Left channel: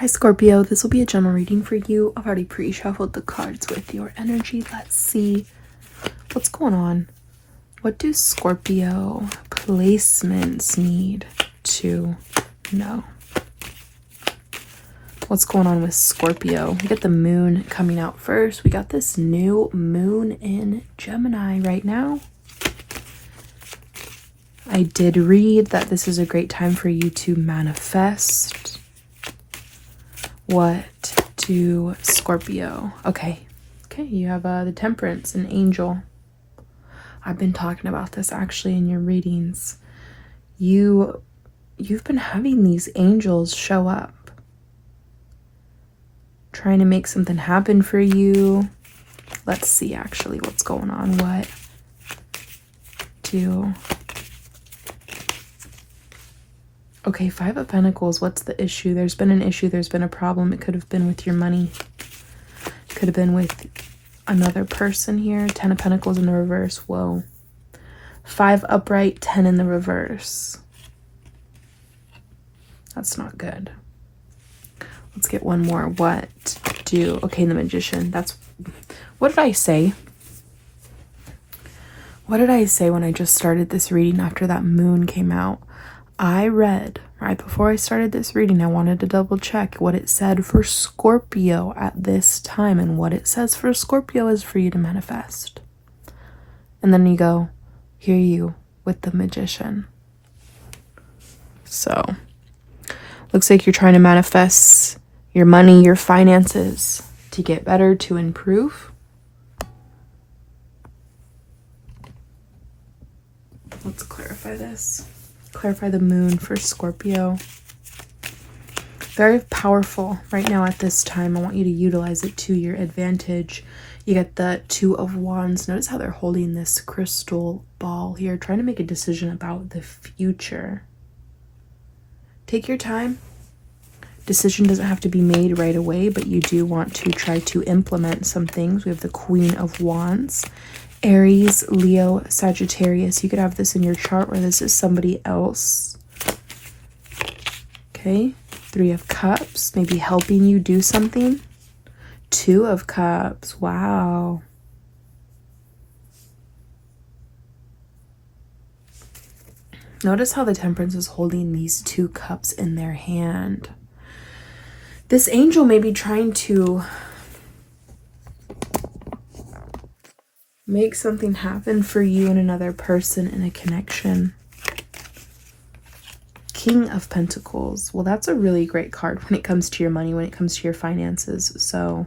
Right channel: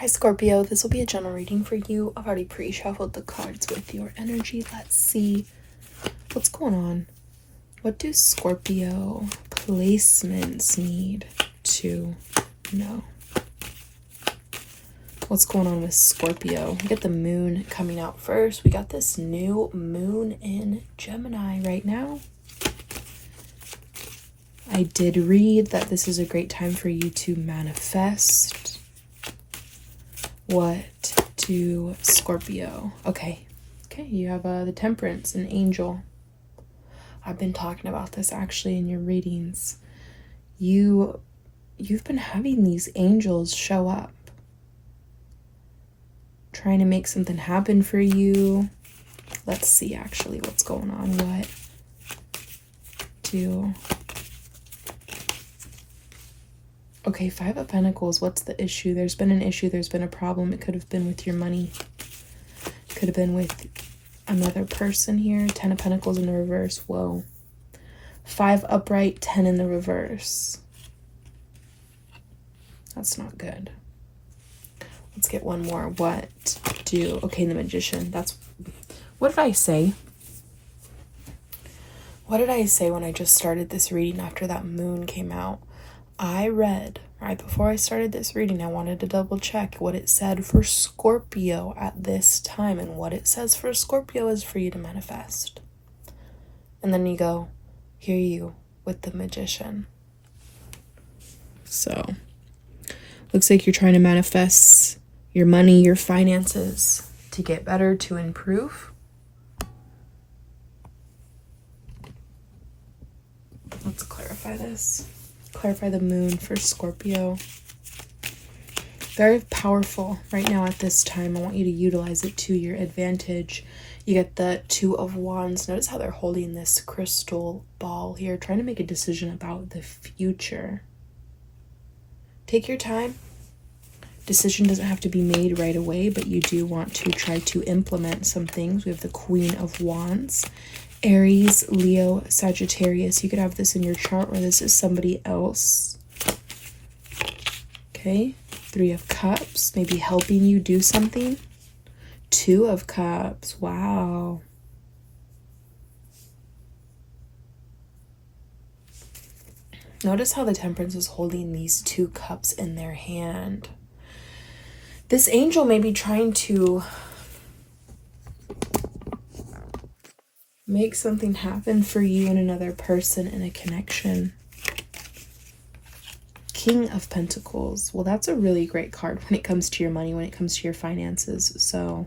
Hi Scorpio, this will be a general reading for you. I've already pre-shuffled the cards with your energy. Let's see what's going on. What do Scorpio placements need to know? What's going on with Scorpio? We get the moon coming out first. We got this new moon in Gemini right now. I did read that this is a great time for you to manifest. What do Scorpio? Okay, you have the Temperance, an angel. I've been talking about this actually in your readings. You've been having these angels show up, trying to make something happen for you. Let's see actually what's going on. What do... Okay, Five of Pentacles, what's the issue? There's been an issue, there's been a problem. It could have been with your money. Could have been with another person here. 10 of Pentacles in the reverse. Whoa. 5 upright, 10 in the reverse. That's not good. Let's get one more. What do... Okay, the Magician. That's... What did I say? What did I say when I just started this reading after that moon came out? I read, right before I started this reading, I wanted to double check what it said for Scorpio at this time. And what it says for Scorpio is for you to manifest. And then you go, here you with the Magician. So, looks like you're trying to manifest your money, your finances to get better, to improve. Let's clarify this. Clarify the moon for Scorpio. Very powerful right now at this time. I want you to utilize it to your advantage. You get the 2 of Wands. Notice how they're holding this crystal ball here, trying to make a decision about the future. Take your time. Decision doesn't have to be made right away, but you do want to try to implement some things. We have the Queen of Wands. Aries, Leo, Sagittarius. You could have this in your chart, or this is somebody else. Okay. 3 of Cups, maybe helping you do something. 2 of Cups. Wow. Notice how the Temperance is holding these 2 cups in their hand. This angel may be trying to make something happen for you and another person in a connection. King of Pentacles. Well, that's a really great card when it comes to your money, when it comes to your finances. So,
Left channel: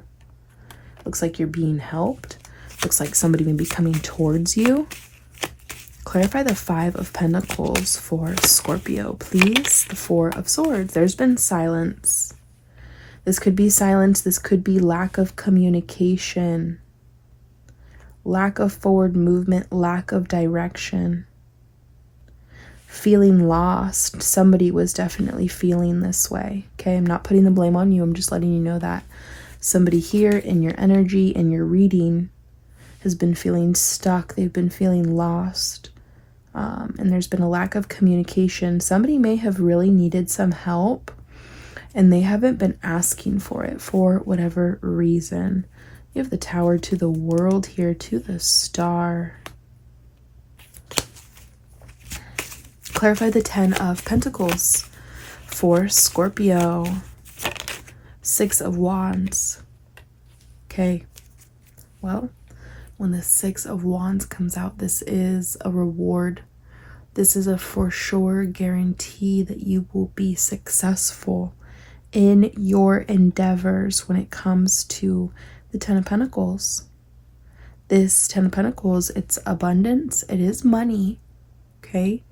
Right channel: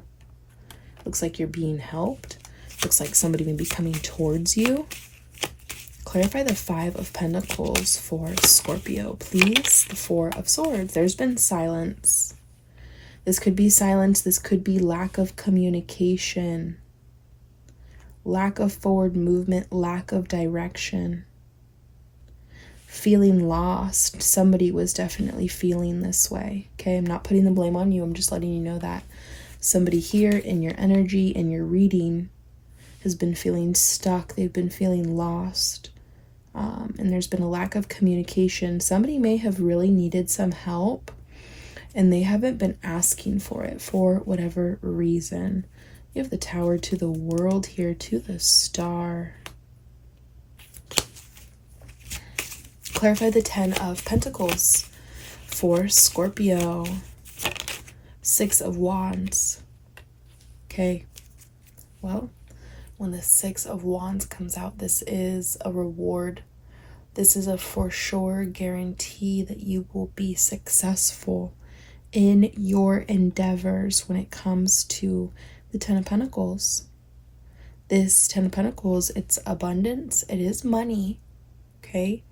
looks like you're being helped. Looks like somebody may be coming towards you. Clarify the 5 of Pentacles for Scorpio, please. The 4 of Swords. There's been silence. This could be silence. This could be lack of communication. Lack of forward movement, lack of direction. Feeling lost. Somebody was definitely feeling this way. Okay, I'm not putting the blame on you. I'm just letting you know that somebody here in your energy, in your reading, has been feeling stuck. They've been feeling lost. And there's been a lack of communication. Somebody may have really needed some help, and they haven't been asking for it for whatever reason. You have the Tower to the World here, to the Star. Clarify the 10 of Pentacles for Scorpio. 6 of Wands. Okay. Well, when the 6 of Wands comes out, this is a reward. This is a for sure guarantee that you will be successful in your endeavors when it comes to the 10 of Pentacles. This 10 of Pentacles, it's abundance. It is money, okay?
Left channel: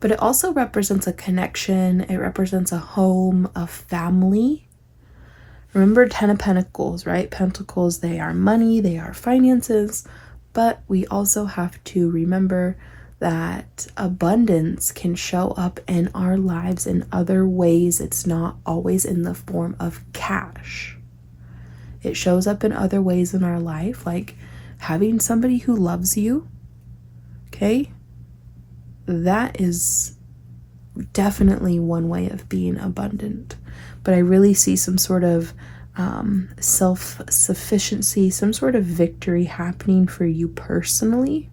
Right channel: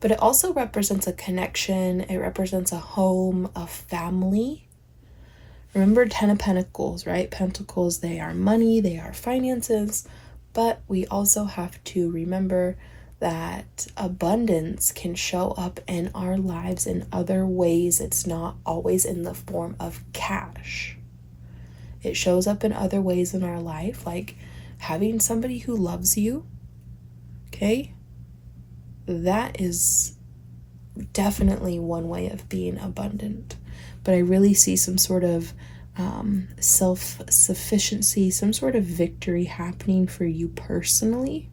But it also represents a connection. It represents a home, a family. Remember 10 of Pentacles, right? Pentacles, they are money, they are finances. But we also have to remember that abundance can show up in our lives in other ways. It's not always in the form of cash. It shows up in other ways in our life, like having somebody who loves you, okay? That is definitely one way of being abundant. But I really see some sort of self-sufficiency, some sort of victory happening for you personally.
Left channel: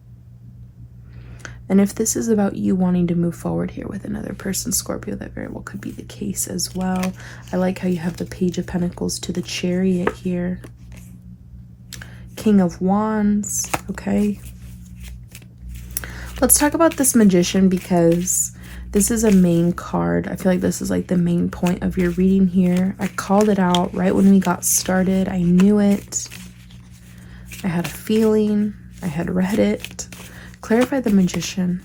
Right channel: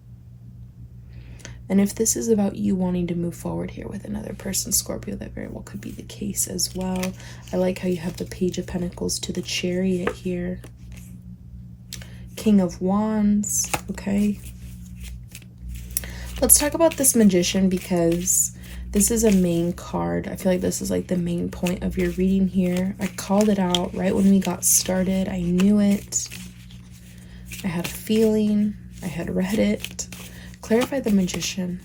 And if this is about you wanting to move forward here with another person, Scorpio, that very well could be the case as well. I like how you have the Page of Pentacles to the Chariot here. King of Wands, okay? Let's talk about this Magician, because this is a main card. I feel like this is like the main point of your reading here. I called it out right when we got started. I knew it. I had a feeling. I had read it. Clarify the Magician.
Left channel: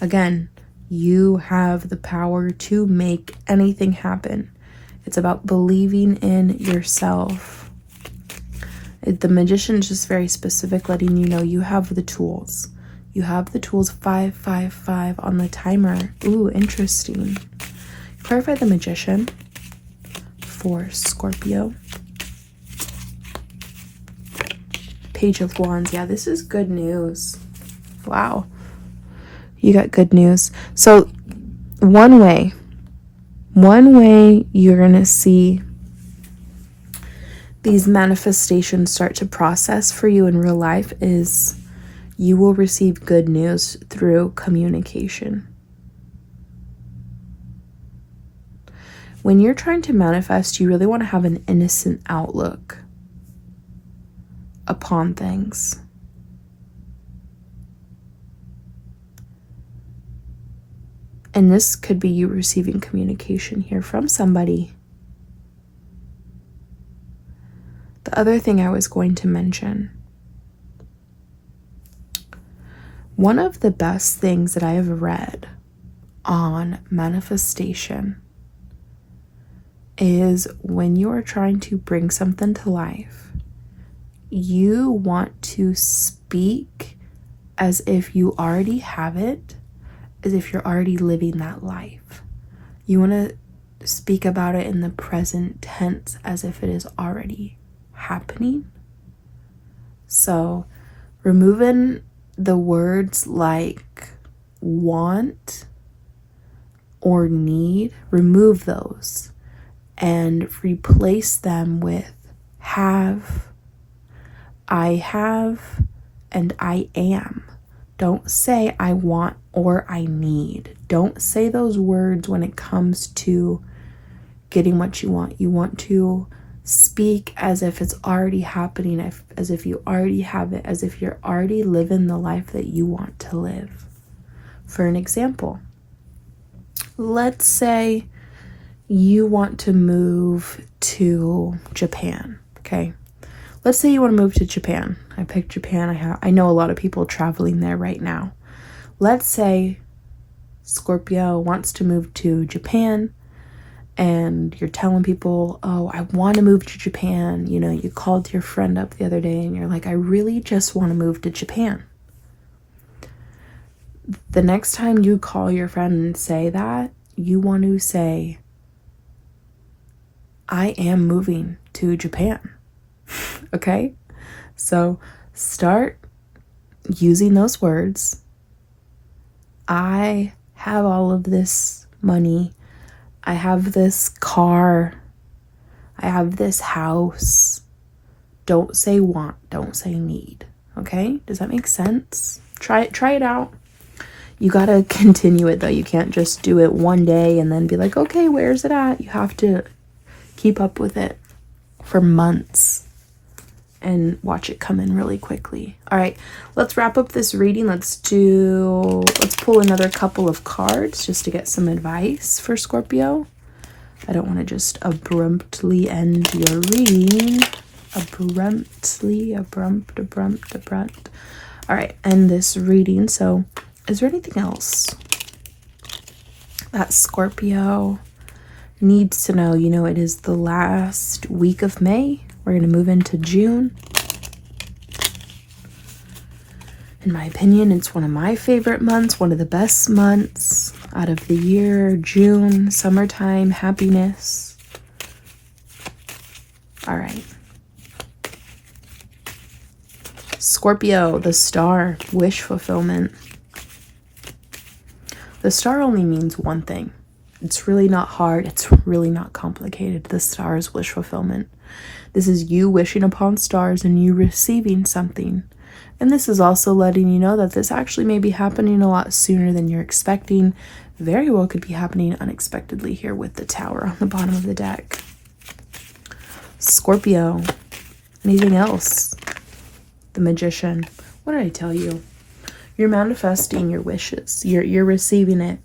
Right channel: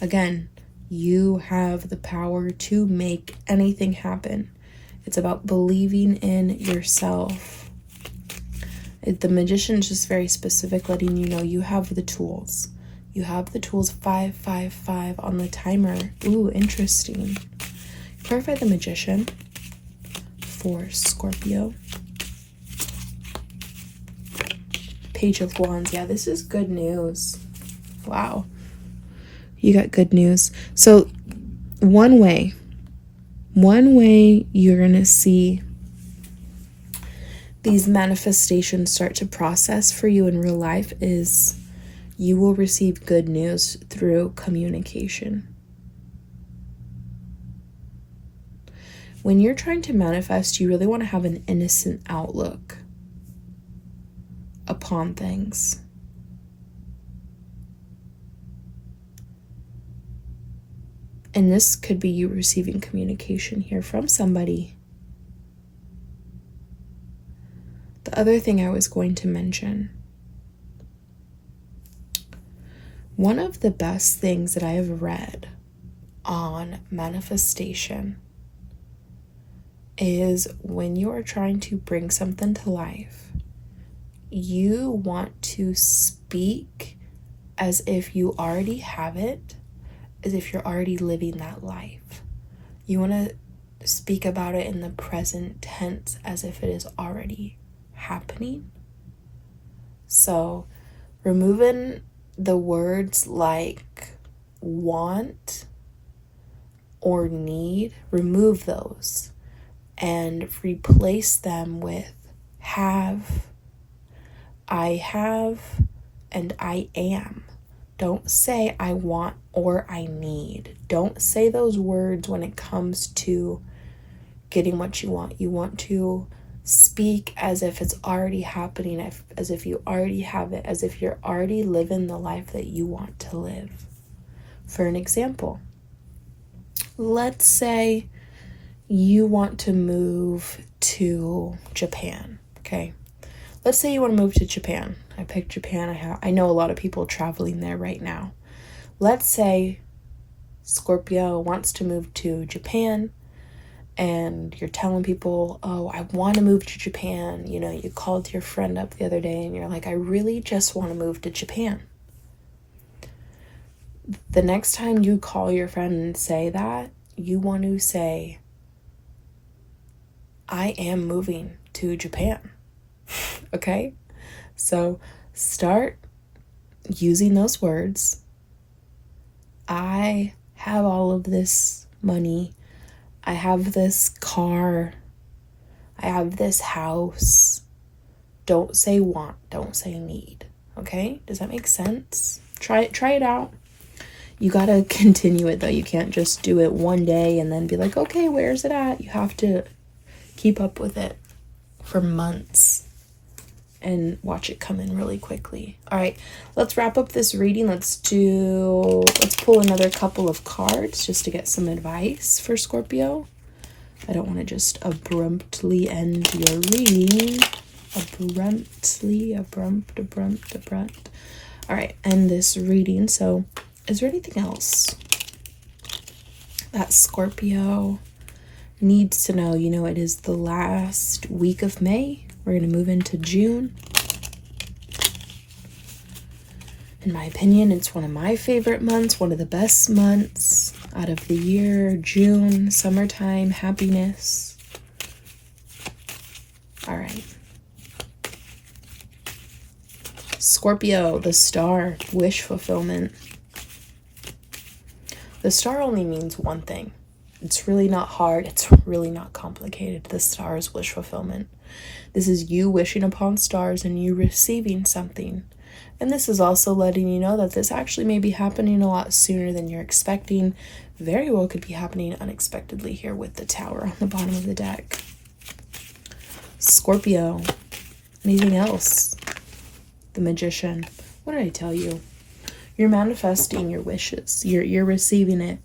Again, you have the power to make anything happen. It's about believing in yourself. The Magician is just very specific, letting you know you have the tools. You have the tools. 555 on the timer. Ooh, interesting. Clarify the Magician for Scorpio. Page of Wands. Yeah, this is good news. Wow. You got good news. So one way you're going to see these manifestations start to process for you in real life is you will receive good news through communication. When you're trying to manifest, you really want to have an innocent outlook upon things. And this could be you receiving communication here from somebody. The other thing I was going to mention, one of the best things that I have read on manifestation is when you are trying to bring something to life, you want to speak as if you already have it, as if you're already living that life. You want to speak about it in the present tense as if it is already happening. So removing the words like want or need, remove those and replace them with have, I have, and I am. Don't say I want or I need. Don't say those words when it comes to getting what you want. You want to speak as if it's already happening, as if you already have it, as if you're already living the life that you want to live. For an example, let's say you want to move to Japan, okay? Let's say you want to move to Japan. I picked Japan. I know a lot of people traveling there right now. Let's say Scorpio wants to move to Japan and you're telling people, oh, I want to move to Japan. You know, you called your friend up the other day and you're like, I really just want to move to Japan. The next time you call your friend and say that, you want to say, I am moving to Japan. Okay? So start using those words. I have all of this money. I have this car. I have this house. Don't say want. Don't say need. Okay? Does that make sense? Try it out. You gotta continue it though. You can't just do it one day and then be like, okay, where's it at? You have to keep up with it for months and watch it come in really quickly. All right, let's wrap up this reading. Let's pull another couple of cards just to get some advice for Scorpio. I don't want to just abruptly end your reading. Abrupt. All right, end this reading. So is there anything else that Scorpio needs to know? You know, it is the last week of May. We're going to move into June. In my opinion, it's one of my favorite months, one of the best months out of the year. June, summertime, happiness. All right. Scorpio, the star, wish fulfillment. The star only means one thing. It's really not hard. It's really not complicated. The star is wish fulfillment. This is you wishing upon stars and you receiving something. And this is also letting you know that this actually may be happening a lot sooner than you're expecting. Very well could be happening unexpectedly here with the Tower on the bottom of the deck. Scorpio. Anything else? The Magician. What did I tell you? You're manifesting your wishes. You're receiving it.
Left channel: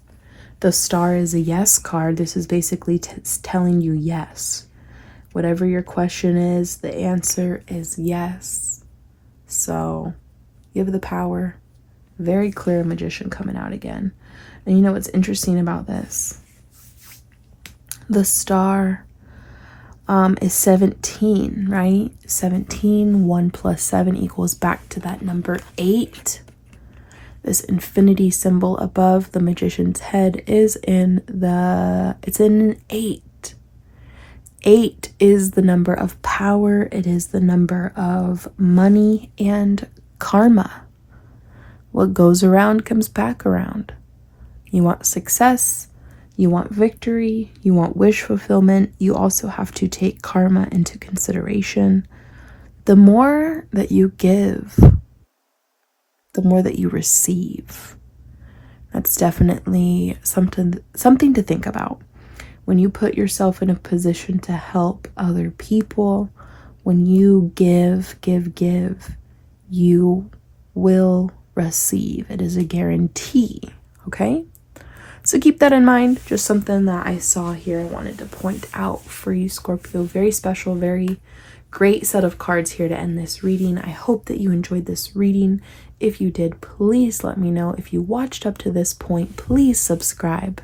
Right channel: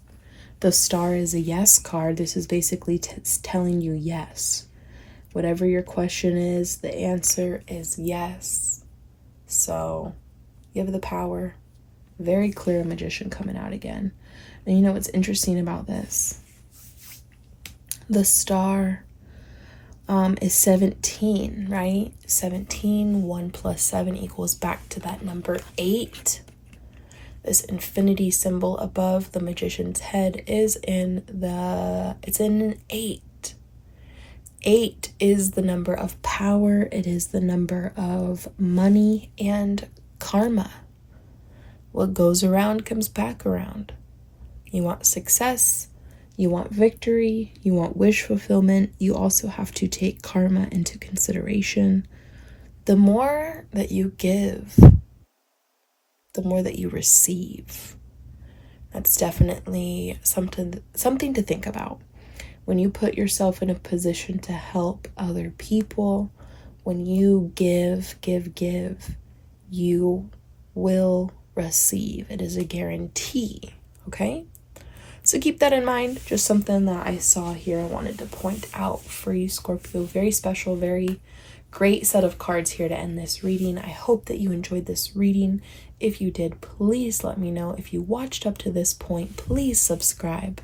The star is a yes card. This is basically telling you yes. Whatever your question is, the answer is yes. So you have the power. Very clear Magician coming out again. And you know what's interesting about this? The star is 17, right? 17, 1 plus 7 equals back to that number 8. This infinity symbol above the Magician's head is it's in an 8. 8 is the number of power. It is the number of money and karma. What goes around comes back around. You want success, you want victory, you want wish fulfillment. You also have to take karma into consideration. The more that you give, the more that you receive. That's definitely something to think about. When you put yourself in a position to help other people, when you give, you will receive. It is a guarantee, okay? So keep that in mind. Just something that I saw here I wanted to point out for you, Scorpio. Very special, very great set of cards here to end this reading. I hope that you enjoyed this reading. If you did, please let me know. If you watched up to this point, please subscribe.